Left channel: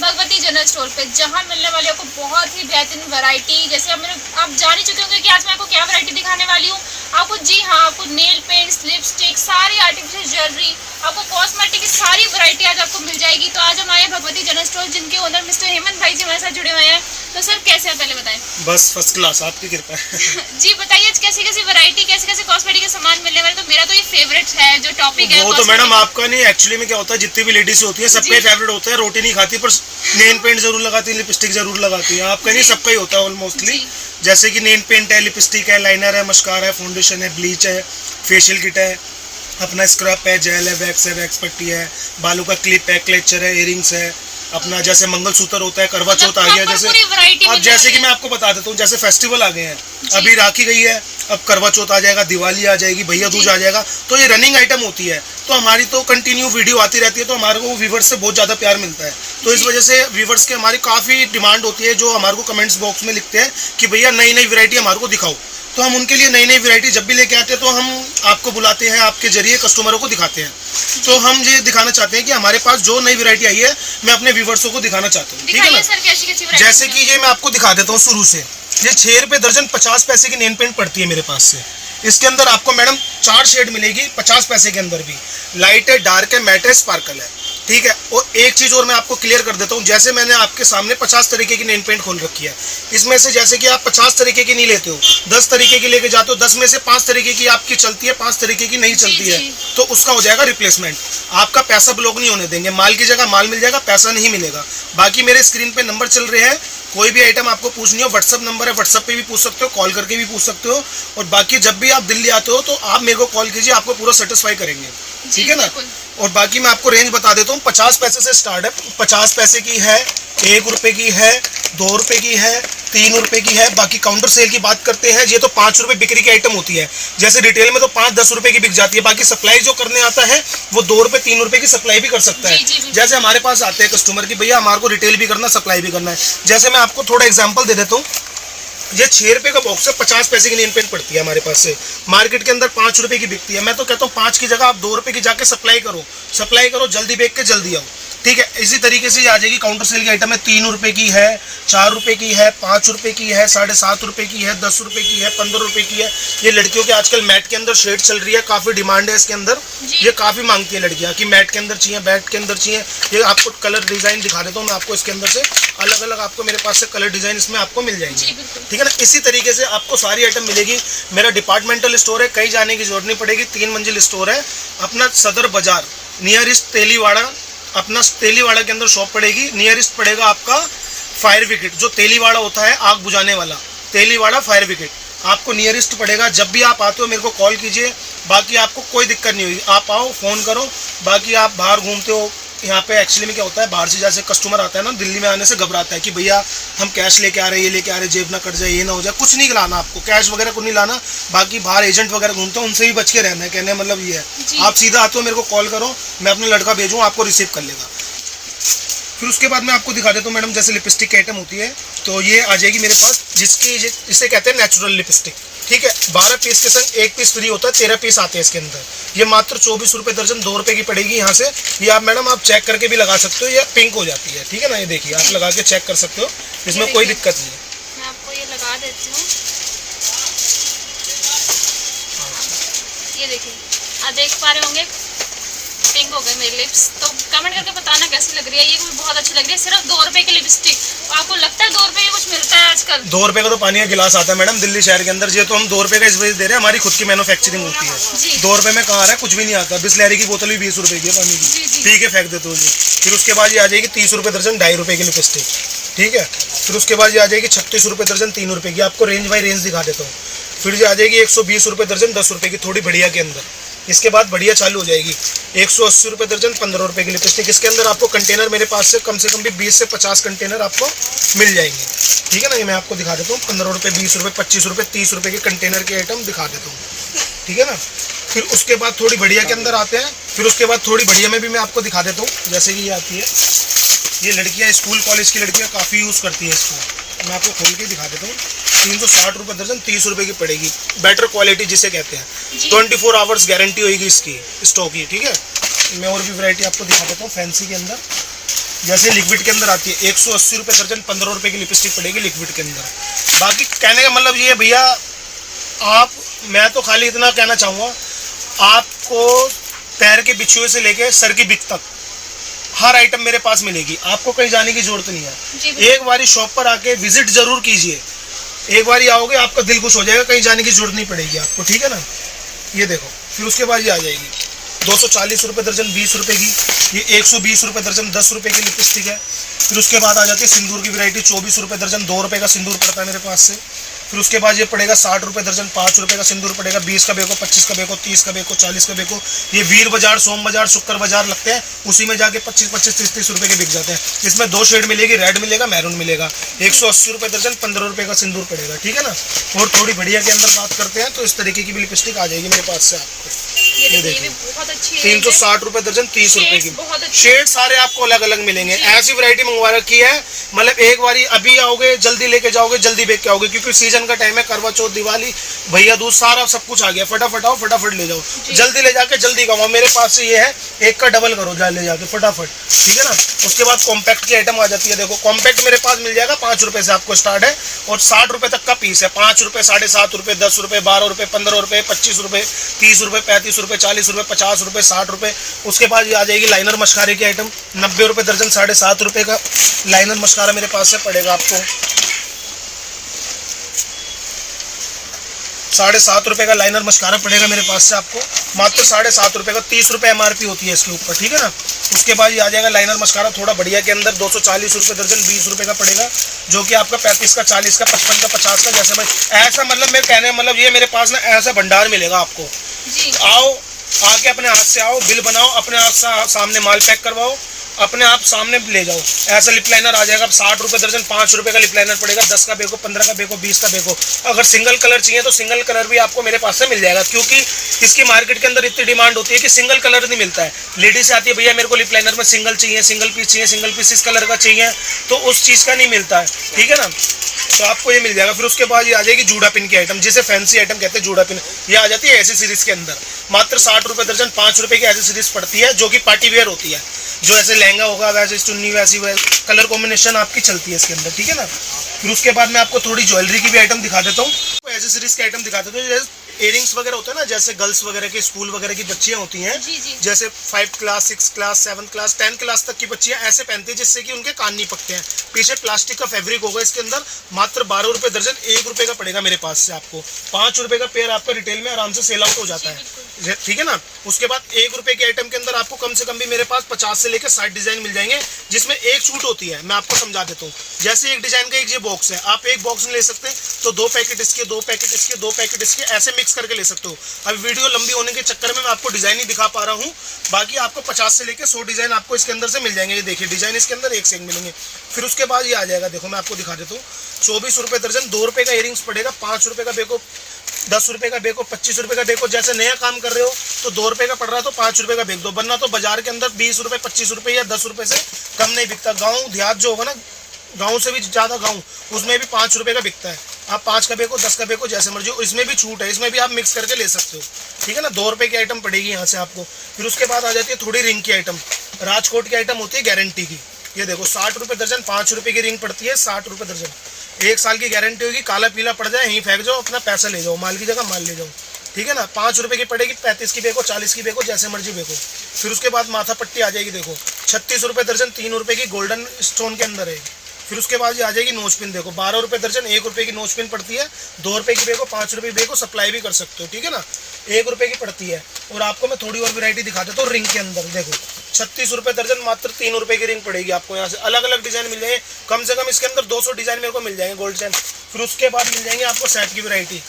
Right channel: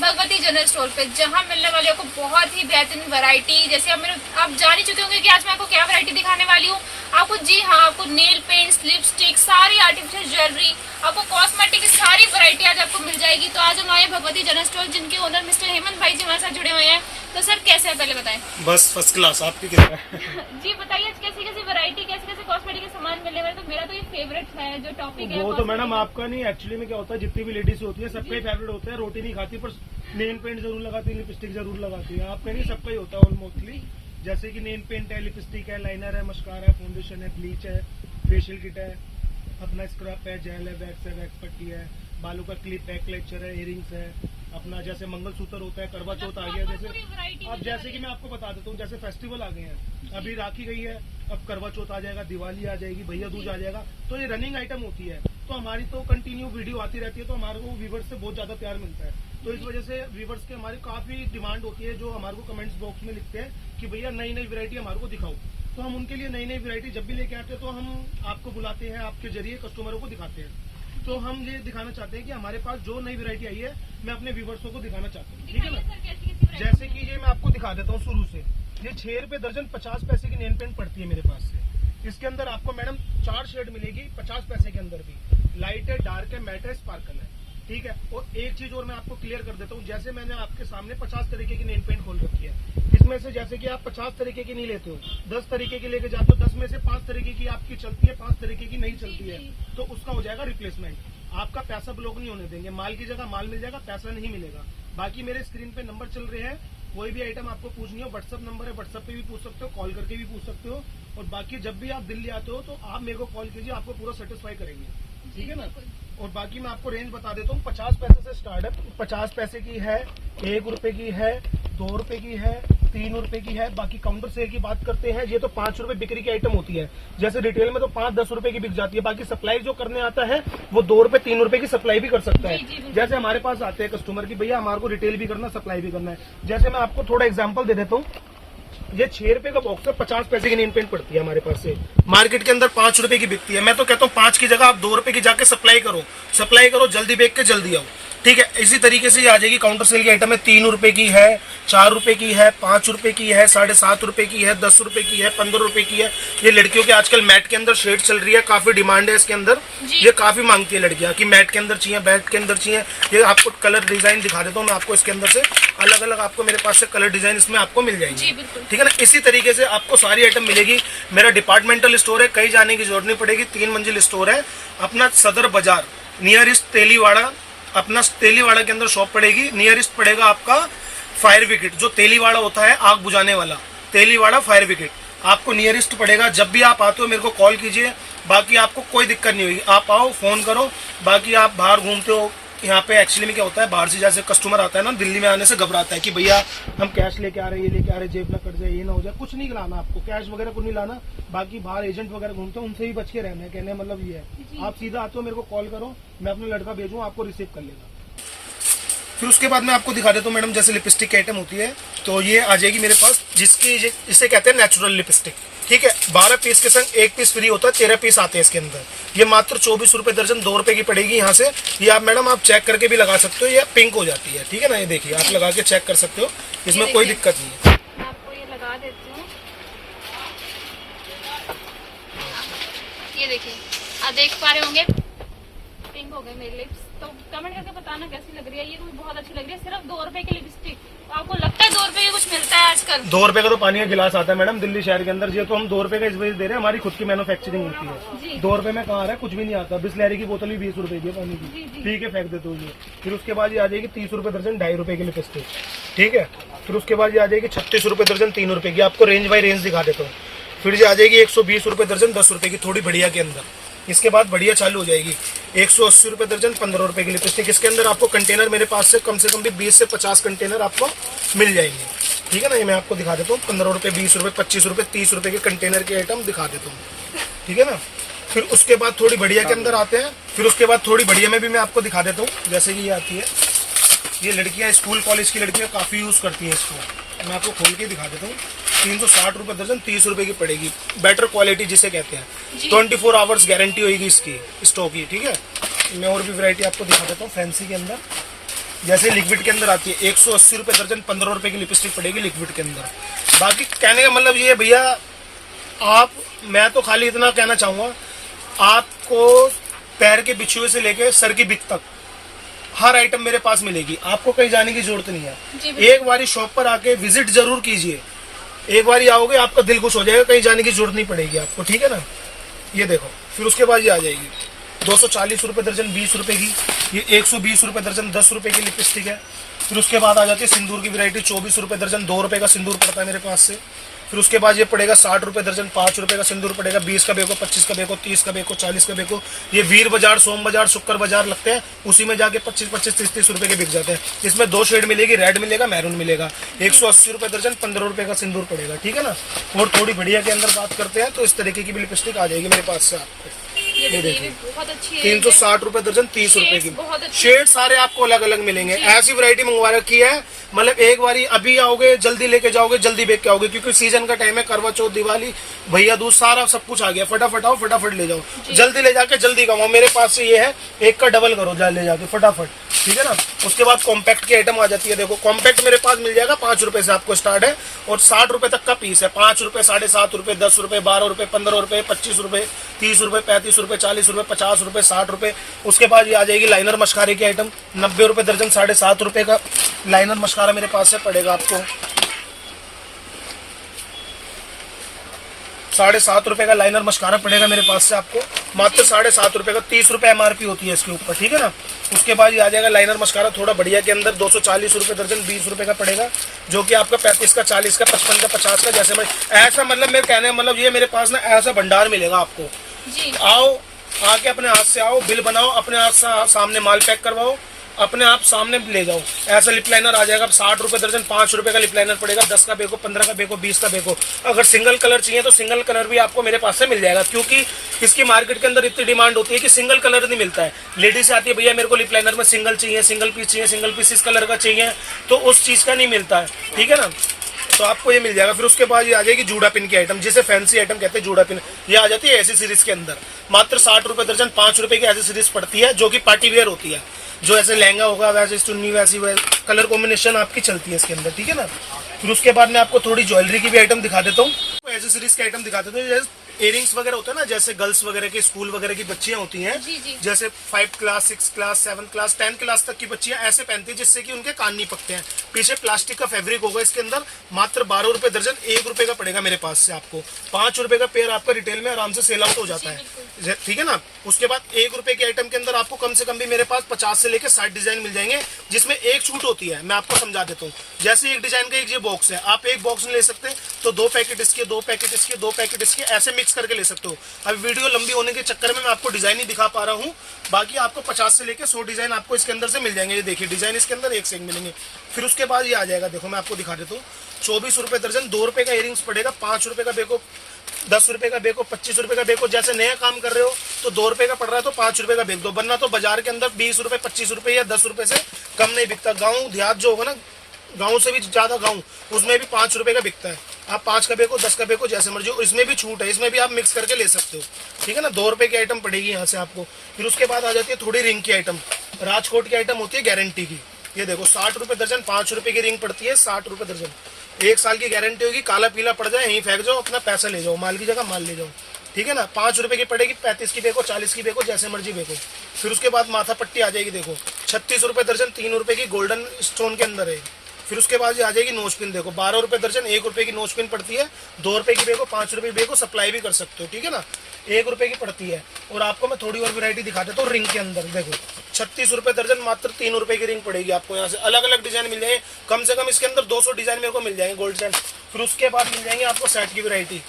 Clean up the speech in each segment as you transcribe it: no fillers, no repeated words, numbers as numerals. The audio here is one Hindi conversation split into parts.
भगवती जनरल स्टोर पे, जहां मिलने वाली आपको बहुत ही बेहतरीन वैरायटी। जैसे आप जान ही चुके होंगे कि आज मैं आपको क्या वैरायटी दिखाने वाली हूँ। आपको जी हाँ, आपको नेल पेंट्स, लिपस्टिक, सारी आर्टिफिशियल ज्वेलरी, आपको कॉस्मेटिक की सारी वैरायटी आज आपको मिल जाएगी। तो आज हम आए भगवती जनरल स्टोर, जिनके ओनर मिस्टर हेमंत भाई जी हमारे साथ जुड़े हुए हैं। तो सर कैसे है, पहले बताएं। बस फर्स्ट क्लास, आपकी कितना है? जी बताइए, कैसी कैसी वैरायटी, कैसे कैसे कॉस्मेटिक के सामान मिलने वाले। तो मेरा तो ये फेवरेट है जो टॉपिक है वो तो मैडम आपका नहीं, एक्चुअली में क्या होता है, जितनी भी लेडीज होती है सबका फेवरेट होता है। रोटी नहीं खाती पर नेल पेंट जरूर लगाती है, लिपस्टिक जरूर लगाती है। आपका नहीं, सबका ही होता है ऑलमोस्टली। जैसे कि नेल पेंट है, लिपस्टिक है, लाइनर है, मस्कारा है, फाउंडेशन है, ब्लीच है, फेशियल किट है, अपना स्क्रब है, जेल है, वैक्स पट्टी है, बालों का क्लिप है, क्लेचर है, इयरिंग्स है, अपना जैसे मंगलसूत्र होता है, करवा चौथ आ गया। जैसे अब जैसे कि मैं आपको बता देता हूँ, जैसे फेस्टिवल आ गए हैं, अभी राखी गई है, अब करवा चौथ आ जाएगा, दिवाली आ जाएगी, भैया दूज आ जाएगा। तो ये रनिंग आइटम होती है, तो हमारी तो कंटिन्यू वीडियो आती रहती है, तो हमारे को व्यूवर्स से बहुत ज़्यादा प्यार मिलता है। तो इस वजह से व्यूवर्स के हमारी काफ़ी डिमांड होती है, जो हमारे को कमेंट्स बॉक्स में लिखते हैं कि भैया नई नई वैरायटी हमारे को दिखाओ। तो हम उनके लिए नई नई वैरायटी जब भी लेके आते हैं, तो हम आपको बुलाते हैं, आपके जरिए कस्टमरों को दिखाते हैं। तो हम ये दिखाना चाहते हैं कि हमारे पास जो नई वैरायटी आई है, मैं अपने व्यूवर्सों को दिखाना चाहता हूँ। ठीक है ना? जैसे कि ये मैं आपको दिखा देता हूँ शुरू से। ये 6 रुपये दर्जन 50 पैसे की नेल पेंट पड़ती है मेरे पास से। इसके अंदर आपको मैडम 4 शेड मिलेगी 50 पैसे के अंदर भी। लाइट है, डार्क है, मैट है, स्पार्कल है। ठीक है। और एक चीज़ और मैं आपको क्लियर कर देता हूँ, जैसे मैंने आपके सामने 50 तरीके की नेल पेंट खोल रखी है, इसमें से जैसे कि आप 50 तरीके की नहीं लेते हो, 10 तरीके की लेके जाते हो, 10 में से 5 तरीके की आपकी चलती है, 5 तरीके की नहीं चलती है, तो उसका हो जाएगा रिप्लेसमेंट। आपका पैसा ब्लॉक नहीं होने देंगे, माल की जगह माल मिल जाएगा, पैसा नहीं मिलेगा। बाकी मेरे स्क्रीन पे नंबर चल रहे हैं, कोई भी आइटम आपको पूछनी हो, व्हाट्सअप नंबर है, व्हाट्सअप पे भी पूछ सकते हो, कॉल करके भी पूछ सकते हो। और बाकी जब भी आप दिल्ली आते हो तो आप मेरे को कॉल कीजिए, आपको पूरा सेटिस्फाई करेंगे। ठीक है ना? और बाकी मैं आपको रेंज बता देता हूँ, 50 पैसे से स्टार्ट है। 50 पैसे की है, 1 रुपये की है, 2 रुपये की है, 3 रुपये की है। बाकी काउंटर सेल की बात करते हैं, ये तो 5 रुपये बिक्री की आइटम होती है। जैसे रिटेल में तो 5-10 रुपये की बिक जाती है। बाकी सप्लाई जो करने आता है वो 2 रुपये 3 रुपये की सप्लाई भी कर सकता है। जैसे हमारे पास आते हैं कस्टमर की, भैया हमारे को रिटेल भी करना, सप्लाई भी करना है। जैसे मैं आपको थोड़ा एग्जाम्पल दे देता हूँ, ये 6 रुपये का बॉक्स है, 50 पैसे की नेल पेंट पड़ती है हमारे पास से। मार्केट के अंदर 5 रुपये की बिकती है। मैं तो कहता हूँ 5 की जगह आप 2 रुपये की जाके सप्लाई करो, जल्दी बेच के जल्दी आओ। ठीक है। इसी तरीके से ये आ जाएगी। काउंटर सेल की आइटम है, 3 रुपये की है, 4 रुपये की है, 5 रुपये की है, 7.5 रुपये की है, 10 रुपये की है, 15 रुपये की है। ये लड़कियों के आजकल मैट के अंदर शेड चल रही है, काफ़ी डिमांड है इसके अंदर। ये काफ़ी मांगती है लड़कियाँ कि मैट के अंदर चाहिए, बैट के अंदर चाहिए। ये आपको कलर डिज़ाइन दिखा देता हूँ मैं आपको। इसके अंदर से अलग अलग आपको मेरे पास से कलर डिज़ाइन इसमें आपको मिल जाएंगे। ठीक है ना? इसी तरीके से आपको सारी आइटम मिलेगी। मेरा डिपार्टमेंटल स्टोर है, कहीं जाने की जरूरत नहीं पड़ेगी। 3 मंजिल स्टोर है अपना, सदर बाजार नियरेस्ट तेलीवाड़ा, अपना तेलीवाड़ा के अंदर शॉप पड़ेगी। नियरेस्ट पड़ेगा आपका फायर विकेट, जो तेलीवाड़ा होता है आग बुझाने वाला, तेलीवाड़ा फायर विकेट आपको नियरेस्ट पड़ेगा। जब भी आप आते हो मेरे को कॉल कीजिए, बाकी आपको कोई दिक्कत नहीं होगी। आप आओ, फ़ोन करो। बाकी आप बाहर घूमते हो, यहाँ पे एक्चुअली में क्या होता है, बाहर से जैसे कस्टमर आता है ना, दिल्ली में आने से घबराता है कि भैया हम कैश लेके आ रहे हैं, ये लेके आ रहे हैं, जेब ना कट जाए, ये ना हो जाए। कुछ नहीं लाना आपको, कैश वगैरह कुछ नहीं लाना। बाकी बाहर एजेंट वगैरह घूमते हैं, उनसे भी बच के रहना है। कहने मतलब ये है, आप सीधा आते हो, मेरे को कॉल करो, मैं अपना लड़का भेजूँ, आपको रिसीव कर लेगा। फिर उसके बाद मैं आपको दिखा देता हूँ मैडम, जैसे लिपस्टिक की आइटम होती है, तो ये आ जाएगी मेरे पास, जिसकी इसे कहते हैं नेचुरल लिपस्टिक। ठीक है। 12 पीस के संग 1 पीस फ्री होता है, 13 पीस आते हैं इसके अंदर। ये मात्र 24 रुपये दर्जन, 2 रुपये की पड़ेगी यहाँ से। ये आप मैडम आप चेक करके भी लगा सकते हो, ये पिंक हो जाती है। ठीक है ना? ये देखिए, आप लगा के चेक कर सकते हो, इसमें कोई दिक्कत नहीं है। मैं आपको ये लगा देती हूँ, ये देखिए, आप देख पा रहे होंगे पिंक हो गए मेरे लिप्स। तो कमेंट करके बताना कैसी लग रही है। ये भी बहुत अच्छी लग रही है, सिर्फ 2 रुपए की लिपस्टिक। आपको लगता है 2 रुपए की कुछ मिलता है आजकल? 2 रुपए का तो पानी का गिलास आता है मैडम दिल्ली शहर के अंदर। ये तो हम 2 रुपए का इस वजह से दे रहे हैं, हमारी खुद की मैन्युफैक्चरिंग होती है। 2 रुपए में कहाँ आ रहा है, कुछ भी नहीं आता। बिस्लेरी की बोतल भी 20 रुपए की है पानी की, पी के फेंक देते हो जी। फिर उसके बाद ये आ जाएगी 30 रुपए दर्जन 2.5 रुपए की लिपस्टिक, ठीक है। फिर उसके बाद ये आ जाएगी 36 रुपए दर्जन 3 रुपए की। आपको रेंज बाई रेंज दिखा देता हूँ। फिर ये आ जाएगी 120 रुपए दर्जन 10 रुपए की, थोड़ी बढ़िया के अंदर। इसके बाद बढ़िया चालू हो जाएगी 180 रुपए दर्जन 15 रुपए की लिपस्टिक। इसके अंदर आपको कंटेनर मेरे पास से कम भी 20 से 50 कंटेनर आपको मिल जाएंगे, ठीक है ना। ये मैं आपको दिखा देता हूँ, 15 रुपए 20 रुपए 25 रुपए 30 रुपए के कंटेनर के आइटम दिखा देता हूँ, ठीक है ना। फिर उसके बाद थोड़ी बढ़िया के अंदर आते हैं। फिर उसके बाद थोड़ी बढ़िया में भी मैं आपको दिखा देता हूँ, जैसे कि ये आती है। ये लड़कियाँ स्कूल कॉलेज की लड़कियाँ काफ़ी यूज़ करती हैं इसको। मैं आपको खोल के दिखा देता हूँ। 360 रुपए दर्जन 30 रुपए की पड़ेगी। बेटर क्वालिटी जिसे कहते हैं, 24 आवर्स गारंटी होगी इसकी स्टॉक की, ठीक है। मैं और भी वैरायटी आपको दिखा देता हूँ फैंसी के अंदर। जैसे लिक्विड के अंदर आती है 180 रुपए दर्जन 15 रुपए की लिपस्टिक पड़ेगी लिक्विड के अंदर। बाकी कहने का मतलब ये है भैया, आप, मैं तो खाली इतना कहना चाहूँगा, आपको पैर के बिछुए से लेके सर की बिक तक हर आइटम मेरे पास मिलेगी। आपको कहीं जाने की जरूरत नहीं है। एक बारी शॉप पर आके विजिट जरूर कीजिए। एक बारी आओगे आपका दिल खुश हो जाएगा, कहीं जाने की जरूरत नहीं पड़ेगी आपको, ठीक है ना। ये देखो। फिर उसके बाद ये आ जाएगी 240 रुपए दर्जन 20 रुपए की। ये 120 रुपए दर्जन 10 रुपए की लिपस्टिक है। फिर उसके बाद आ जाती है सिंदूर की वैरायटी, 24 रुपए दर्जन 2 रुपए का सिंदूर पड़ता है मेरे पास से। फिर उसके बाद ये पड़ेगा 60 रुपए दर्जन 5 रुपए का सिंदूर पड़ेगा। 20 का बेको, 25 का बेको, 30 का बेको, 40 का बेको। ये वीर बाजार, सोम बाजार, शुक्र बाजार लगते हैं, उसी में जाके 25-25, 30-30 रुपए के बिक जाते हैं। इसमें 2 शेड मिलेगी, रेड मिलेगा, मैरून मिलेगा। 180 रुपए दर्जन 15 रुपए का सिंदूर पड़ेगा, ठीक है ना। और थोड़ी बढ़िया के अंदर बात करते हैं तो इस तरीके की भी लिपस्टिक आ जाएगी मेरे पास से आपको। ये देखिए 360 रुपए दर्जन 30 रुपए की। शेड सारे आपको अलग अलग मिलेंगे। ऐसी वैरायटी मंगवा रखी है, मतलब एक बारी अभी आओगे जल्दी लेके जाओगे, जल्दी बेच के आओगे, क्योंकि सीजन का टाइम है। करवा चौथ, दिवाली, भैया दूज, सारा सब कुछ आ गया। फटाफट आओ, फटाफट ले जाओ, जल्दी ले जाके जल्दी कमाओ। मेरे पास से ये है, एक का डबल करो ले जाके फटाफट, ठीक है ना। उसके बाद कॉम्पैक्ट की आइटम आ जाती है। देखो कॉम्पैक्ट मेरे पास मिल जाएगा 5 रुपए से आपको स्टार्ट है, और 60 रुपए तक का पीस है। 5 रुपए, 7.5 रुपए, 10 रुपए, 12 रुपए, 15 रुपए, 25 रुपए, 30 रुपए, 35 रुपए, 40 रुपए, 50 रुपए, 60 रुपए। उसके बाद ये आ जाएगी लाइनर मस्कारे की आइटम, 90 रुपए दर्जन, 7.5 रुपए का लाइनर मस्कारा मेरे पास से पड़ेगा आपको। 7.5 रुपए का लाइनर मस्कारा पड़ेगा मेरे पास से आपको, मात्र 7.5 रुपए का। 30 रुपए MRP होती है इसके ऊपर, ठीक है ना। उसके बाद ये आ जाएगा लाइनर मस्कारा थोड़ा बढ़िया के अंदर, 240 रुपए दर्जन, 20 रुपए का पड़ेगा, जो कि आपका 35 का, 40 का, 55 का, 50 का। जैसे मैं ऐसा, मतलब मेरे कहने मतलब ये मेरे पास ना ऐसा भंडार मिलेगा आपको। आओ, आके अपने हाथ से आओ, बिल बनाओ, अपने हाथ से सामने माल पैक करवाओ, अपने आप सामने ले जाओ। ऐसा लिप लाइनर आ जाएगा 60 रुपए दर्जन, 5 रुपए का लिप लाइनर पड़ेगा। 10 का बेको, 15 का बेको, 20 का बेको। अगर सिंगल कलर चाहिए तो सिंगल कलर भी आपको मेरे पास से मिल जाएगा, क्योंकि इसकी मार्केट के अंदर इतनी डिमांड होती है कि सिंगल कलर नहीं मिलता है। लेडीज आती है, भैया मेरे को लिप लाइनर में सिंगल चाहिए, सिंगल पीस चाहिए, सिंगल पीस इस कलर का चाहिए, तो उस चीज़ का नहीं मिलता है, ठीक है ना। तो आपको ये मिल जाएगा। फिर उसके बाद ये आ जाएगी जूड़ा पिन की आइटम, जिसे फैंसी आइटम कहते हैं, जूड़ा पिन। ये आ जाती है ऐसी सीरीज के अंदर, मात्र 60 रुपए दर्जन, 5 रुपए की ऐसी सीरीज पड़ती है, जो कि पार्टी वेयर होती है। जो ऐसे लहंगा होगा, वैसे चुन्नी, वैसी कलर कॉम्बिनेशन आपकी चलती है इसके अंदर, ठीक है ना। फिर उसके बाद मैं आपको थोड़ी ज्वेलरी की भी आइटम दिखा देता हूँ, एसेसरीज के आइटम दिखा देता हूँ। इयरिंग्स वगैरह होता है ना, जैसे गर्ल्स वगैरह के, स्कूल वगैरह की बच्चियां होती हैं, जैसे 5 क्लास, 6 क्लास, 7 क्लास, 10 क्लास तक की बच्चियां ऐसे पहनती हैं, जिससे कि उनके कान नहीं पकते हैं। पीछे प्लास्टिक का फैब्रिक होगा इसके अंदर, मात्र 12 रुपए दर्जन, 1 रुपए का पड़ेगा मेरे पास से आपको। 5 रुपए का पेयर आपका रिटेल में आराम से सेल आउट हो जाता है, ठीक है ना। उसके बाद 1 रुपए के आइटम के अंदर आपको कम से कम भी मेरे पास 50 से लेकर 60 डिजाइन मिल जाएंगे, जिसमें एक छूट होती है। मैं आपको समझा देता हूँ। जैसे एक डिजाइन का एक ये बॉक्स है, आप एक बॉक्स में ले सकते हैं, तो 2 पैकेट इसके, 2 पैकेट इसके, 2 पैकेट इसके, ऐसे मिक्स करके ले सकते हो। अभी वीडियो लंबी होने के चक्कर में मैं आपको डिजाइन ही दिखा पा रहा हूँ। बाकी आपको 50 से लेकर 100 डिजाइन आपको इसके अंदर से मिल जाएंगे। ये देखिए डिजाइन इसके अंदर एक से एक मिलेंगे। फिर उसके बाद ये आ जाएगा, देखो मैं आपको दिखा देता हूँ। 24 रुपए दर्जन, 2 रुपए का इयरिंग्स पड़ेगा, 5 रुपए का बेको, 10 रुपए का बेको, 25 रुपए का बेको। जैसे नया काम कर रहे हो तो 2 रुपए का पड़ रहा है तो 5 रुपए का बेच दो, वरना तो बाजार के अंदर 20 रुपए, 25 रुपए या 10 रुपए से कम नहीं बिकता। गाँव देहात जो होगा ना, गाँव से भी ज़्यादा गाँव, उसमें भी 5 रुपए का बिकता है। आप 5 का बेको, 10 का बेको, जैसे मर्जी हो। इसमें भी छूट है, इसमें भी आप मिक्स करके ले सकते हो, ठीक है ना। 2 रुपए की आइटम पड़ेगी यहाँ से आपको। फिर उसके बाद आ जाती है थोड़ी रिंग की आइटम, राजकोट की आइटम होती है गारंटी की। ये देखो 60 रुपए दर्जन, 5 रुपए की रिंग पड़ती है, 60 रुपए दर्जन। 1 साल की गारंटी होगी, काला पीला पड़ जाए यहीं फेंक जाओ, अपना पैसा ले जाओ, माल की जगह माल ले जाओ, ठीक है ना। 5 रुपए की पड़ेगी, 35 की बेको, 40 की बेको, जैसे मर्जी बेको। फिर उसके बाद माथा पट्टी आ जाएगी, देखो 36 रुपए दर्जन, 3 रुपए की गोल्डन स्टोन के अंदर है। फिर उसके बाद ये आ जाएगी नोज पिन, देखो 12 रुपए दर्जन, 1 रुपए की नोज पिन पड़ती है, 2 रुपए की बेको, 5 रुपए की बेको, सप्लाई भी कर सकते हो, ठीक है ना। 1 रुपए की पड़ती है। और आपको मैं थोड़ी और वैरायटी दिखा देता हूँ रिंग के अंदर, देखो 36 रुपए दर्जन, मात्र 3 रुपए की रिंग पड़ेगी आपको। यहाँ से अलग अलग डिजाइन मिल जाएंगे, कम से कम इसके अंदर 200 डिजाइन मेरे को मिल जाएंगे गोल्ड चैन। फिर उसके बाद मिल जाएंगे आपको सेट की वैरायटी।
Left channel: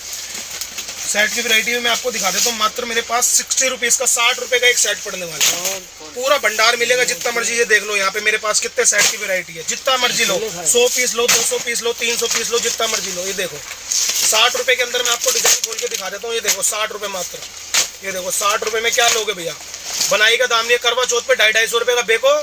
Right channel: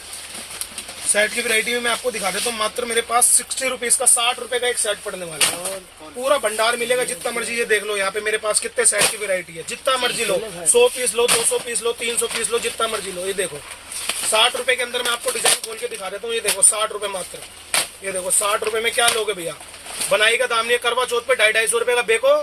सेट की वैरायटी में मैं आपको दिखा देता हूँ, मात्र मेरे पास 60 रुपीज़ का 60 रुपए का एक सेट पड़ने वाला है। पूरा भंडार मिलेगा, जितना मर्जी ये देख लो यहाँ पे मेरे पास कितने सेट की वैरायटी है, जितना मर्जी लो, 100 पीस लो, 200 पीस लो, 300 पीस लो, जितना मर्जी लो। ये देखो 60 रुपए के अंदर मैं आपको डिजाइन खोल के दिखा देता हूँ। ये देखो 60 रुपए मात्र, ये देखो 60 रुपए में क्या लोगे भैया। बनाई का दाम नहीं है, करवा चौथ पे 250 रुपए का बेको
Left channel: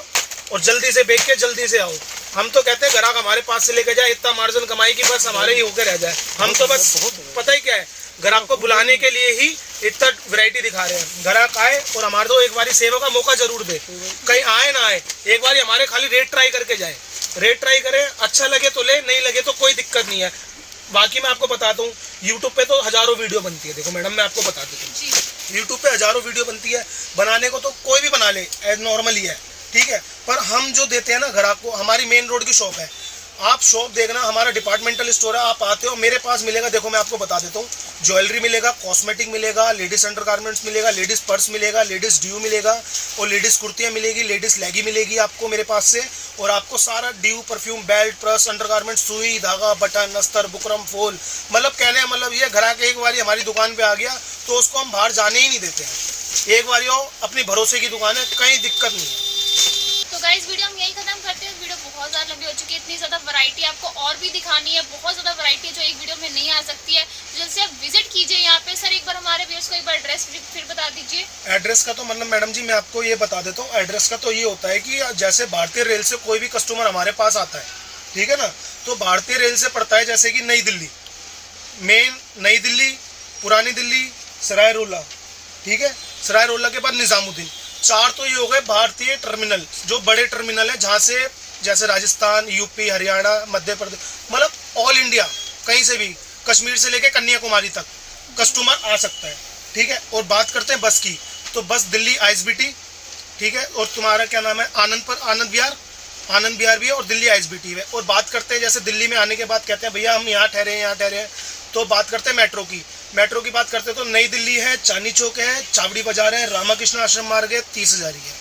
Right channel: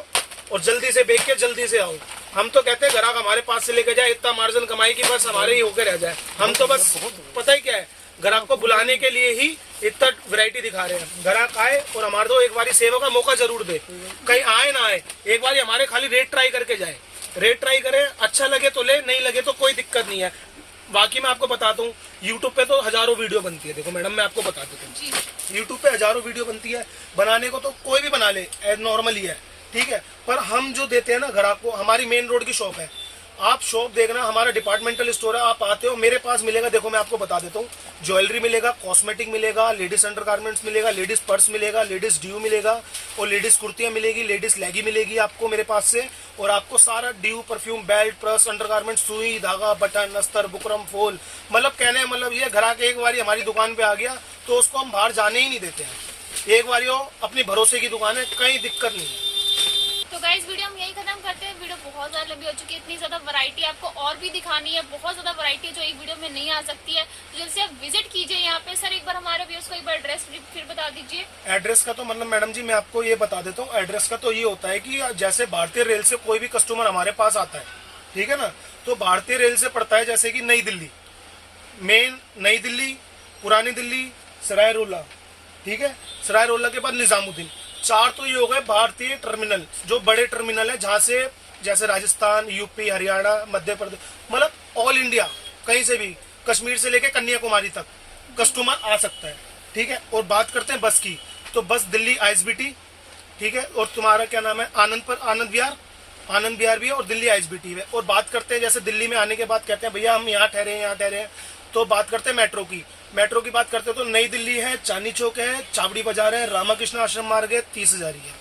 और जल्दी से बेच के जल्दी से आओ। हम तो कहते हैं ग्राहक हमारे पास से लेके जाए, इतना मार्जिन कमाई की बस हमारे ही होकर रह जाए। हम तो बस पता ही क्या है, ग्राहक को बुलाने के लिए ही इतना वैरायटी दिखा रहे हैं। ग्राहक आए और हमारे तो एक बारी सेवा का मौका जरूर दे, कहीं आए ना आए, एक बार हमारे खाली रेट ट्राई करके जाए। रेट ट्राई करे, अच्छा लगे तो ले, नहीं लगे तो कोई दिक्कत नहीं है। बाकी मैं आपको बताता हूँ, यूट्यूब पे तो हजारों वीडियो बनती है। देखो मैडम मैं आपको बता देता हूँ, यूट्यूब पे हजारों वीडियो बनती है, बनाने को तो कोई भी बना ले, नॉर्मल ही है, ठीक है। पर हम जो देते हैं ना ग्राहक को, हमारी मेन रोड की शॉप है, आप शॉप देखना, हमारा डिपार्टमेंटल स्टोर है, आप आते हो मेरे पास मिलेगा। देखो मैं आपको बता देता हूँ, ज्वेलरी मिलेगा, कॉस्मेटिक मिलेगा, लेडीज अंडरगारमेंट्स मिलेगा, लेडीज पर्स मिलेगा, लेडीज ड्यू मिलेगा और लेडीज कुर्तियाँ मिलेगी, लेडीज लेगी मिलेगी आपको मेरे पास से। और आपको सारा due, perfume, belt, purse, undergarments, सुई, धागा, बटन, अस्तर, बुकरम, फूल, मतलब कहने मतलब ये ग्राहक एक बार हमारी दुकान पे आ गया तो उसको हम बाहर जाने ही नहीं देते हैं। एक बार हो अपनी भरोसे की दुकान है, कहीं दिक्कत नहीं है। तो गाइस वीडियो हम यही खत्म करते हैं। वीडियो बहुत ज़्यादा लंबी हो चुकी है, इतनी ज़्यादा वैरायटी आपको और भी दिखानी है, बहुत ज़्यादा वैरायटी है जो एक वीडियो में नहीं आ सकती है। जल्द से आप विजिट कीजिए यहाँ पे। सर एक बार हमारे व्यूअर्स को एक बार एड्रेस फिर बता दीजिए। एड्रेस का तो मतलब मैडम जी मैं आपको ये बता देता हूँ, एड्रेस का तो ये होता है कि जैसे भारतीय रेल से कोई भी कस्टमर हमारे पास आता है, ठीक है ना, तो भारतीय रेल से पड़ता है जैसे कि नई दिल्ली, मेन नई दिल्ली, पुरानी दिल्ली, सराय रोला, ठीक है, सराय रोला के बाद निजामुद्दीन, 4 तो ये हो गए भारतीय टर्मिनल, जो बड़े टर्मिनल है जहाँ से जैसे राजस्थान, यूपी, हरियाणा, मध्य प्रदेश, मतलब ऑल इंडिया कहीं से भी, कश्मीर से लेके कन्याकुमारी तक कस्टमर आ सकता है, ठीक है। और बात करते हैं बस की, तो बस दिल्ली ISBT, ठीक है, और तुम्हारा क्या नाम है आनंद विहार भी है, और दिल्ली ISBT है। और बात करते हैं जैसे दिल्ली में आने के बाद कहते हैं भैया हम यहाँ ठहरे हैं, तो बात करते हैं मेट्रो की बात करते हैं तो नई दिल्ली है, चांदनी चौक है, चावड़ी बाजार है, रामाकृष्ण आश्रम मार्ग है, 30,000 है।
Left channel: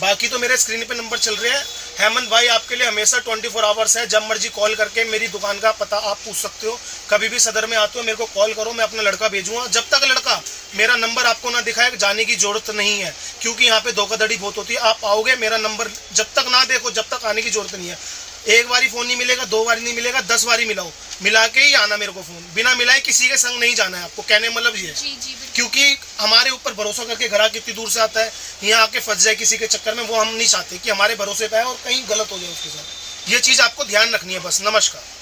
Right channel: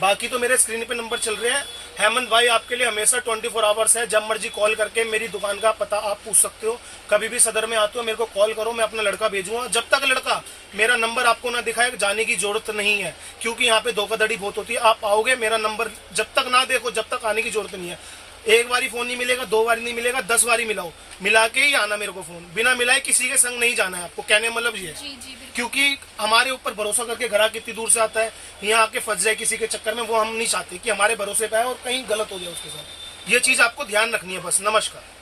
बाकी तो मेरे स्क्रीन पे नंबर चल रहे हैं। हेमंत भाई आपके लिए हमेशा 24 आवर्स है, जब मर्जी कॉल करके मेरी दुकान का पता आप पूछ सकते हो। कभी भी सदर में आते हो मेरे को कॉल करो, मैं अपना लड़का भेजूंगा। जब तक लड़का मेरा नंबर आपको ना दिखाए जाने की जरूरत नहीं है, क्योंकि यहाँ पे धोखाधड़ी बहुत होती है। आप आओगे मेरा नंबर जब तक ना देखो, जब तक आने की जरूरत नहीं है। एक बारी फोन नहीं मिलेगा, 2 बारी नहीं मिलेगा, 10 बारी मिलाओ, मिला के ही आना मेरे को फोन। बिना मिलाए किसी के संग नहीं जाना है आपको, कहने मतलब ये है। क्योंकि हमारे ऊपर भरोसा करके ग्राहक कितनी दूर से आता है, यहाँ आके फंस जाए किसी के चक्कर में, वो हम नहीं चाहते कि हमारे भरोसे पे आए और कहीं गलत हो जाए उसके साथ। ये चीज आपको ध्यान रखनी है बस। नमस्कार।